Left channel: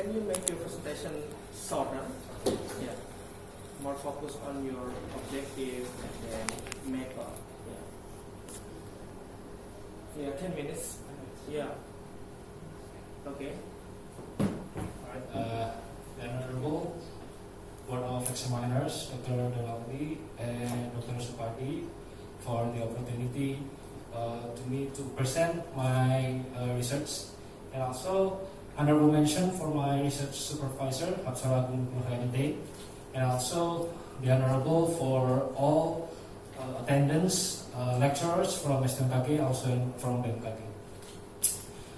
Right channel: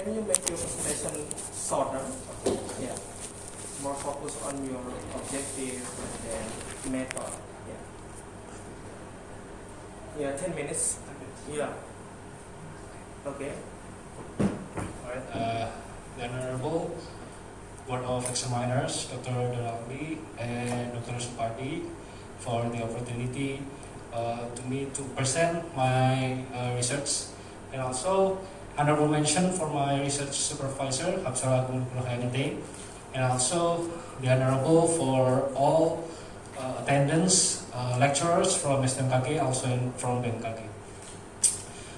can you make your presentation shorter? Yeah. More focus on your objective and method. Yeah. Yeah, 10 minutes. Yeah. Okay. Alright, the Honorable Board of Examiners, Dr. Donaldi and Dr. Supardi, for the opportunity to me to present my research, and also honorable mention for my research supervisor, Hapsara Nurhainudin, and also the honorable for all attendants, lecturers from SBMKG, also from BMKG.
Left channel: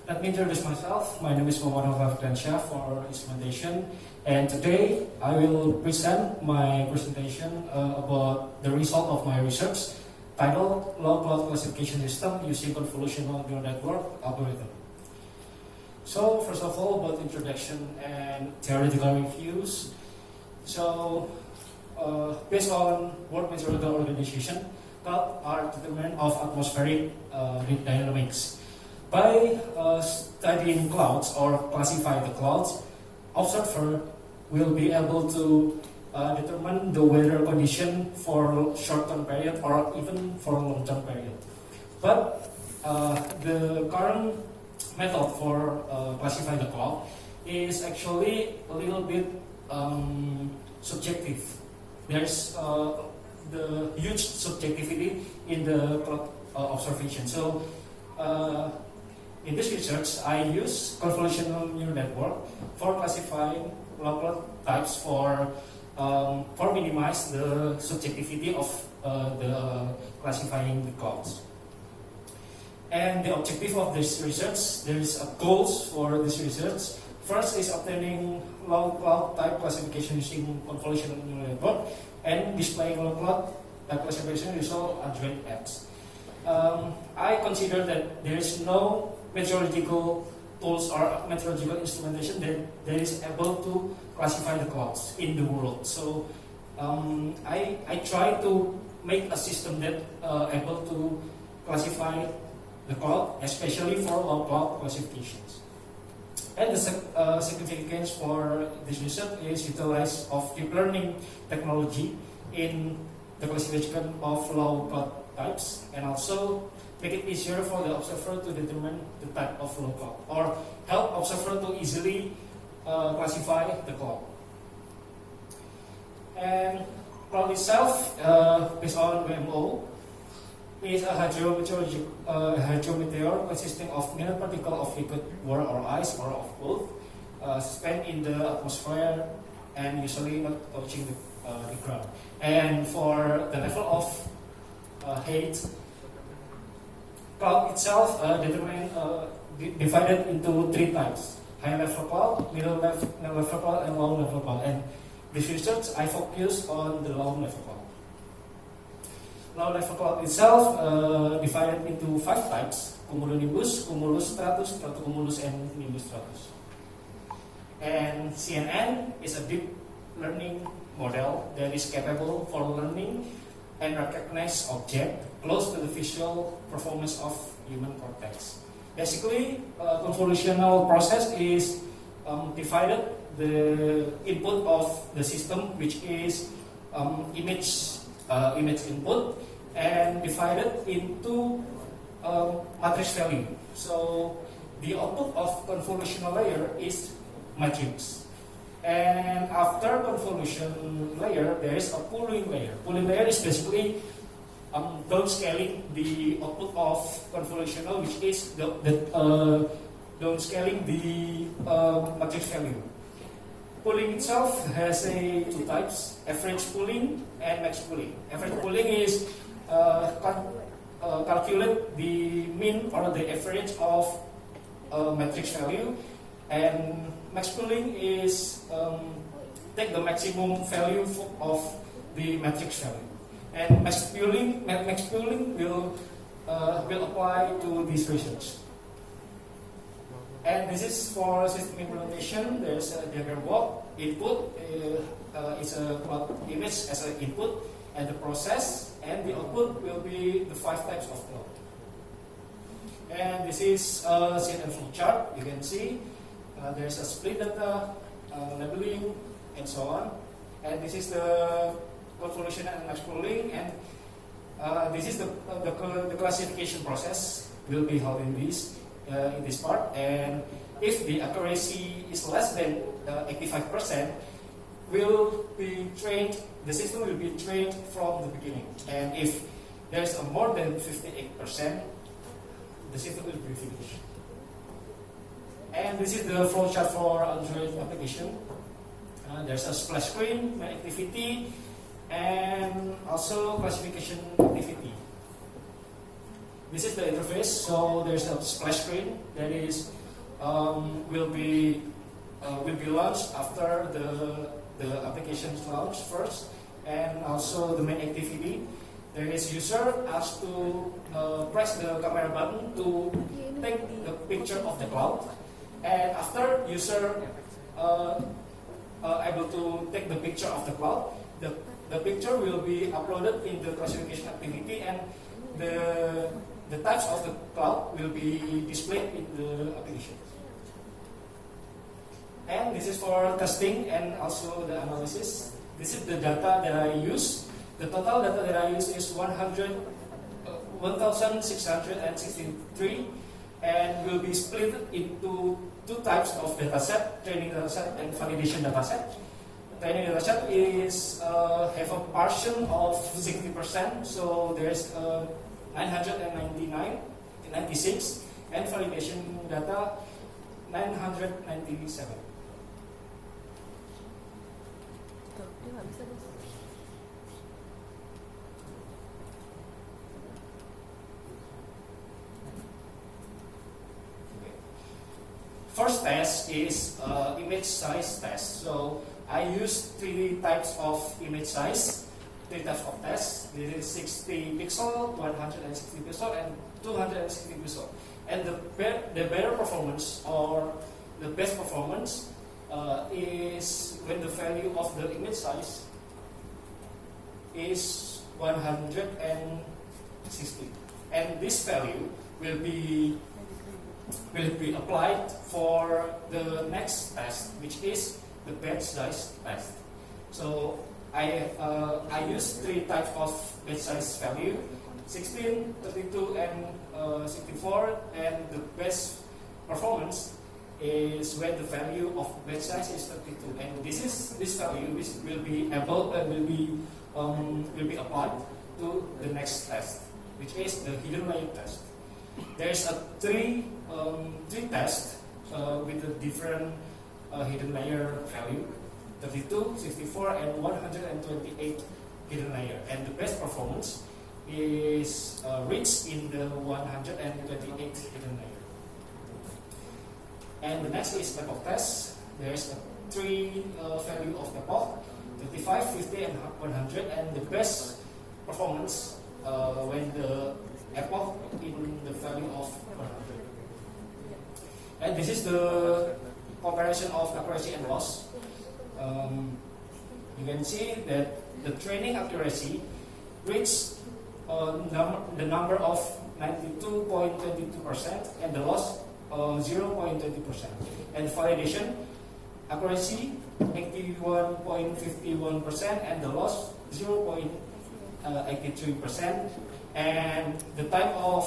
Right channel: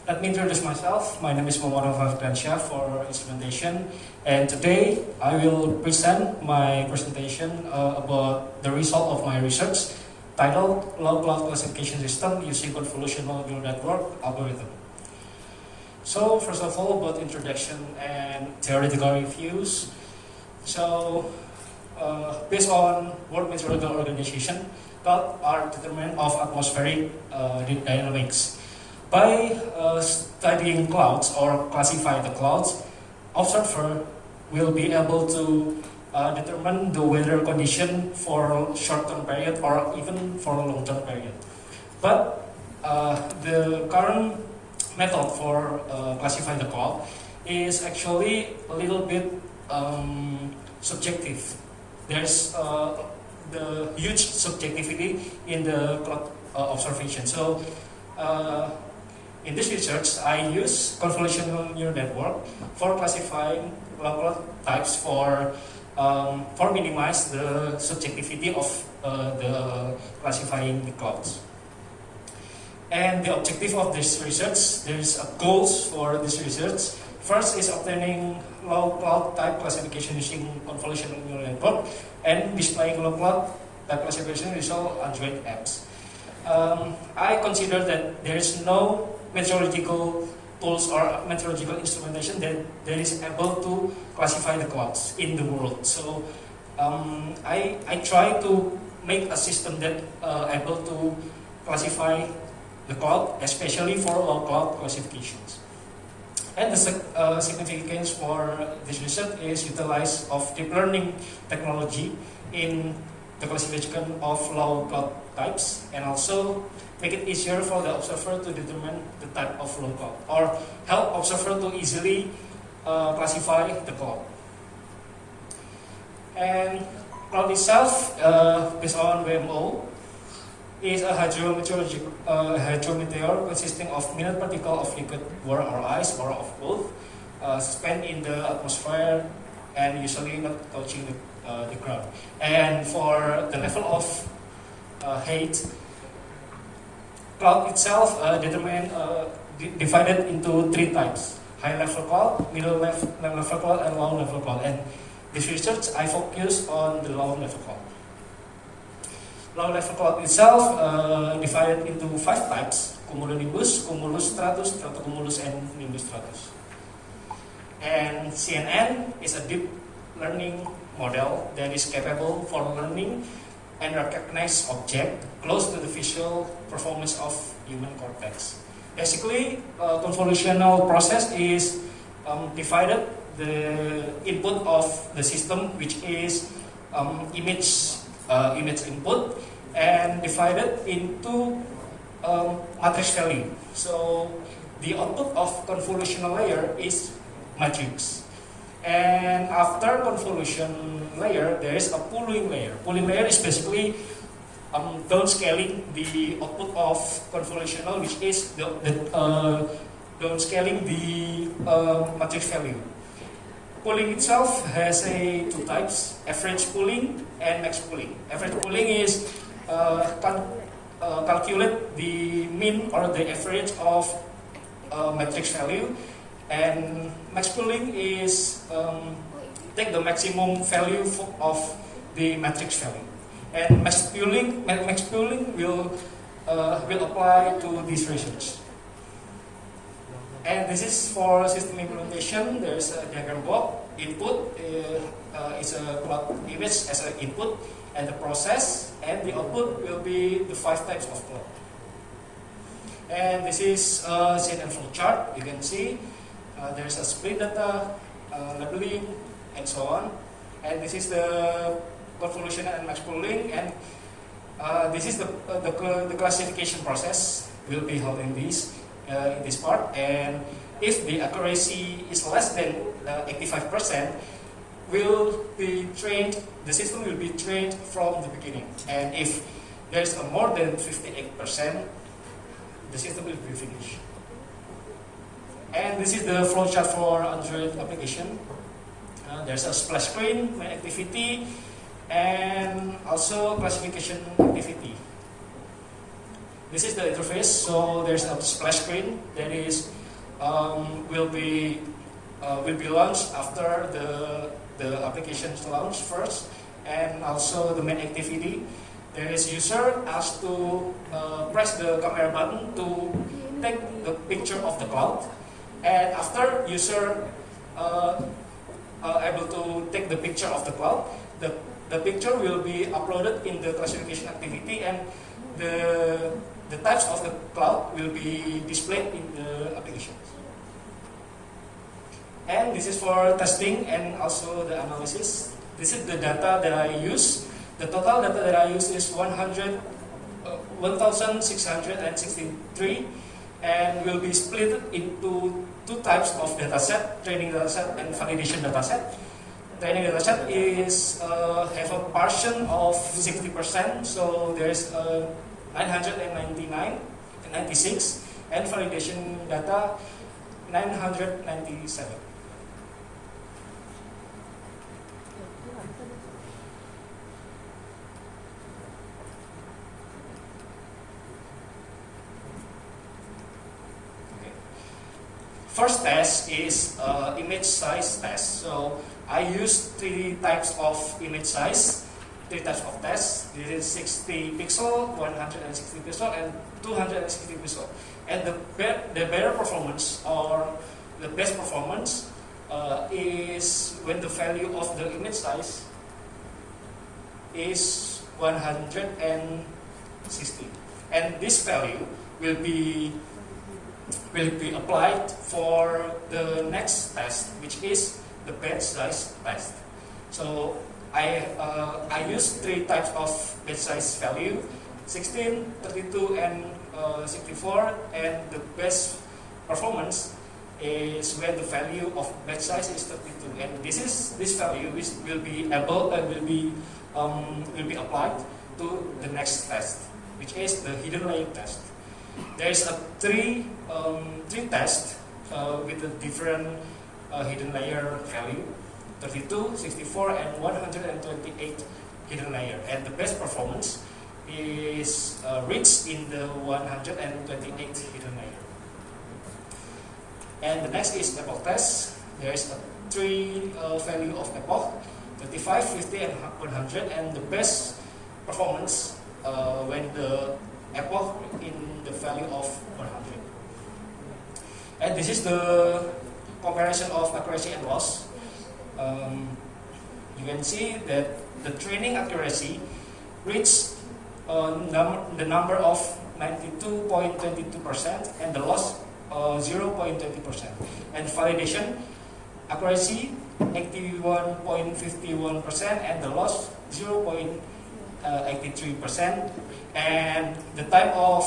Let me introduce myself. My name is Muhammad Fardansyah for instrumentation, and today I will present my presentation about the result of my research titled Low Cloud Classification System Using Convolutional Neural Network Algorithm. So first of all, about introduction and theoretical reviews. So based on World Meteorological Organization, clouds are determinant of atmospheric dynamics. By studying clouds or classify the clouds, observer will be able to determine the weather condition for short-term period or even for a long-term period. But the current method for classifying the cloud is actually a little bit subjective. There's the huge subjectivity in the cloud observation. So in this research, I use convolutional neural network for classifying cloud types for minimize the subjectivity of the classifying the clouds. And the objective of this research, there is goals for this research. First is obtaining low cloud type classification using convolutional neural network and displaying low cloud type classification result Android apps. I consider that there is no meteorological tools or meteorological instrumentation that is able to classify the clouds in the world. So I try to make a system that able to classify the cloud, especially for low cloud classifications. And the significance for this research is utilize of deep learning technology in the classification of low cloud types, and also make it easier for the observer to determine the type of low cloud, or help observer to easily classify the cloud. And cloud itself, based on WMO, is a hydrometeor consisting of minute particle of liquid water or ice, or of both, suspended in the atmosphere and usually not touching the ground. And for the level of height, cloud itself divided into three types: high level cloud, middle level cloud, and low level cloud. And this research I focus on the low level cloud. Low level cloud itself divided into 5 types: cumulonimbus, cumulus stratus, stratocumulus, and nimbus stratus. And CNN is a deep learning model that is capable for learning and recognize object close to the visual performance of human cortex. Basically, convolutional process is divided the input of the system, which is image input, and divided into matrix value. So the output of convolutional layer is matrix. And after convolution layer, there is a pooling layer. Pooling layer is basically downscaling the output of convolutional, which is downscaling the matrix value. Pooling itself has two types: average pooling and max pooling. Average pooling is calculate the mean or the average of matrix value, and max pooling is take the maximum value of the matrix value. And max pooling will apply to this research. And this is for system implementation. There's a diagram block. Input is a cloud image as an input, and the process and the output will be the 5 types of cloud. And this is CNN flow chart. You can see There's a split data, labeling, and so on. And this is the convolution and max pooling, and this is the classification process will be held in this part. And if the accuracy is less than 85%, will be trained. The system will be trained from the beginning. And if there's a more than 58%, the system will be finished. And this is the flowchart for Android application. There's a splash screen, main activity, and also classification activity. This is the interface. So there's a splash screen that is will be launched after the application launch first, and also the main activity. There is user asked to press the camera button to take the picture of the cloud, and after user able to take the picture of the cloud, the picture will be uploaded in the classification activity, and the types of the cloud will be displayed in the application. And this is for testing and also the analysis. This is the data that I use. The total data that I use is 1,663, and will be split into two types of dataset: training dataset and validation dataset. Training dataset is have a portion of 60%, so there's 996, and validation data 997. First test is image size test. So I use three types of image size, three types of tests. This is 60 pixel, 160 pixel, and 260 pixel. And the better performance, or the best performance, is when the value of the image size is 160, and this value will be applied for the next test, which is the batch size test. So I use three types of batch size value: 16, 32, and 64. And the best performance is when the value of batch size is 32. And this value will be applied to the next test, which is the hidden layer test. There's a three tests with a different hidden layer value: 32, 64, and 128 hidden layer. And the best performance is reached in the 128 hidden layer. And the next is epoch test. There is a three value of epoch: 35, 50, and 100. And the best performance when the epoch in the value of 100. And this is the comparison of accuracy and loss. You can see that the training accuracy reached the number of 92.22%, and the loss 0.20%. And validation accuracy 81.51%, and the loss 0.83%. And the time of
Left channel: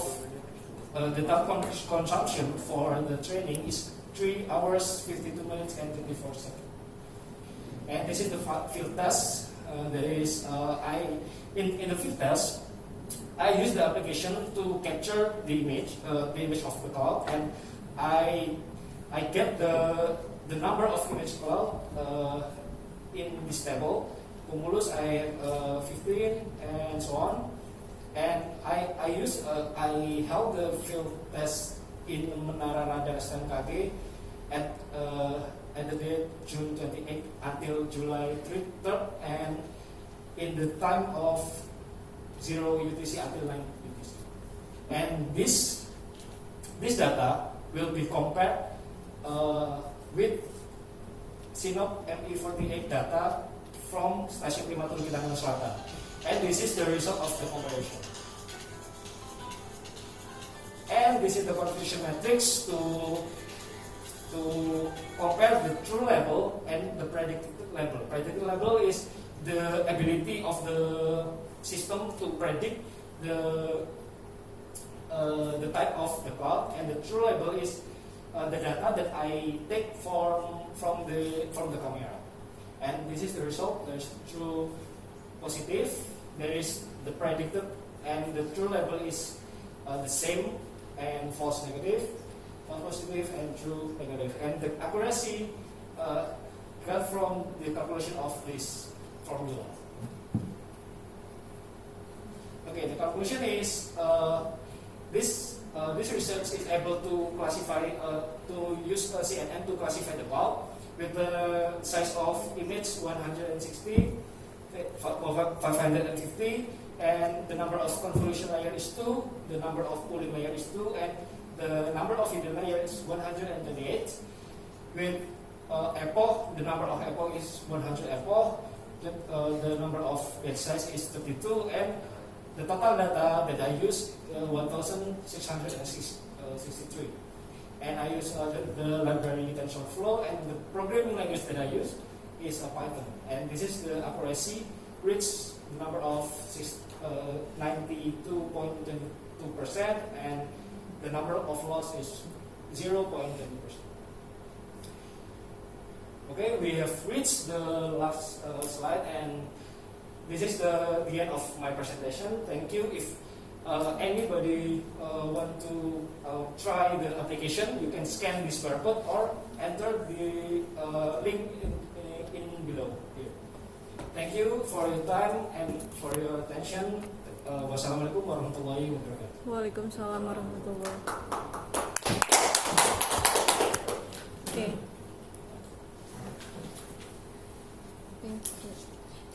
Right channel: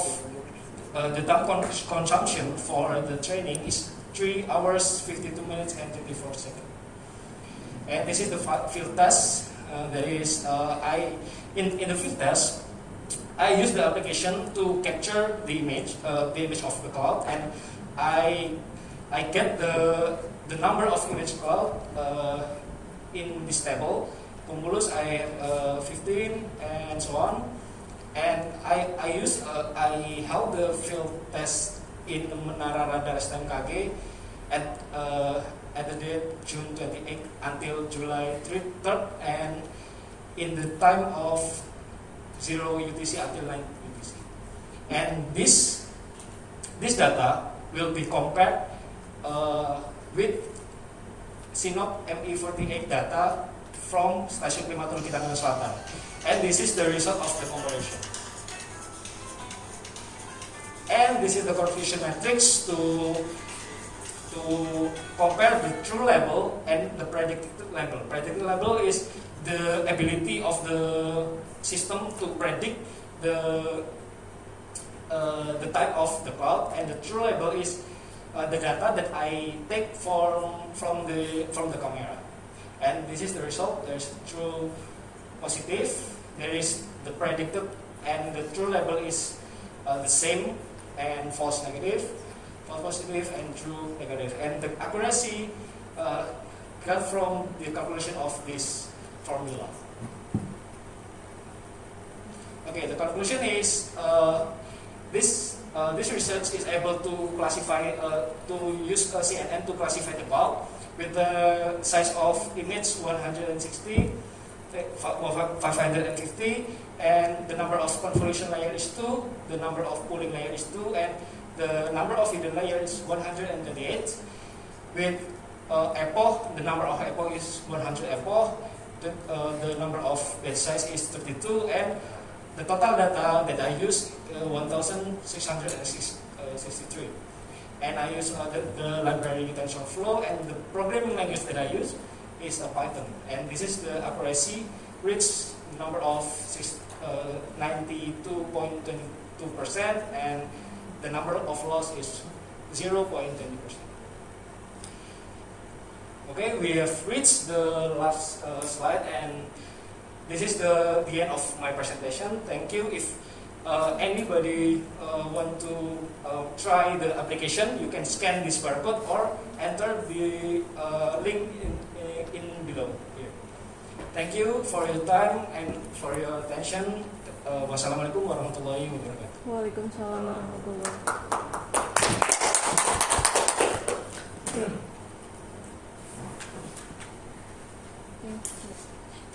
consumption for the training is 3 hours, 52 minutes, and 24 seconds. And this is the field test. That is, in the field test, I use the application to capture the image of the cloud, and I get the number of image cloud in this table. Cumulus I have 15, and so on. And I held the field test in Menara Radar STMKG at the date June 28 until July 3rd, and in the time of 0 UTC until 9 UTC. And this data will be compared with Sinop ME48 data from Stasiun Klimaton Kidangan Selatan. And this is the result of the comparison. And this is the confusion matrix to the true level and the predicted level. Predicted level is the ability of the system to predict the type of the cloud, and the true level is the data that I take from the camera. And this is the result. There is true positive, there is the predicted, and the true level is the same, and false negative, false positive, and true negative. And the accuracy got from the calculation of this formula. Okay, the conclusion is this research is able to classify, to use CNN to classify the cloud with the size of image 160, 550, and the number of convolution layer is 2, the number of pooling layer is 2, and the number of hidden layer is 138. With epoch, the number of epoch is 100 epoch, the number of batch size is 32, and the total data that I use 1663. And I use the library TensorFlow, and the programming language that I use is Python. And this is the accuracy, which the number of 92.22%, and the number of loss is 0.20%. Okay, we have reached the last slide, and this is the end of my presentation. Thank you. If anybody want to try the application, you can scan this barcode or enter the link in below here. Thank you for your time and for your attention. Wassalamualaikum warahmatullahi wabarakatuh. Waalaikumsalam warahmatullahi wabarakatuh. Okay.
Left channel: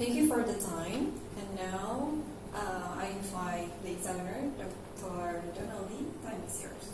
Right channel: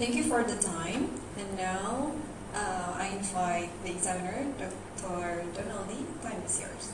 Thank you for the time. And now I invite the examiner, Dr. Donaldi. Time is yours.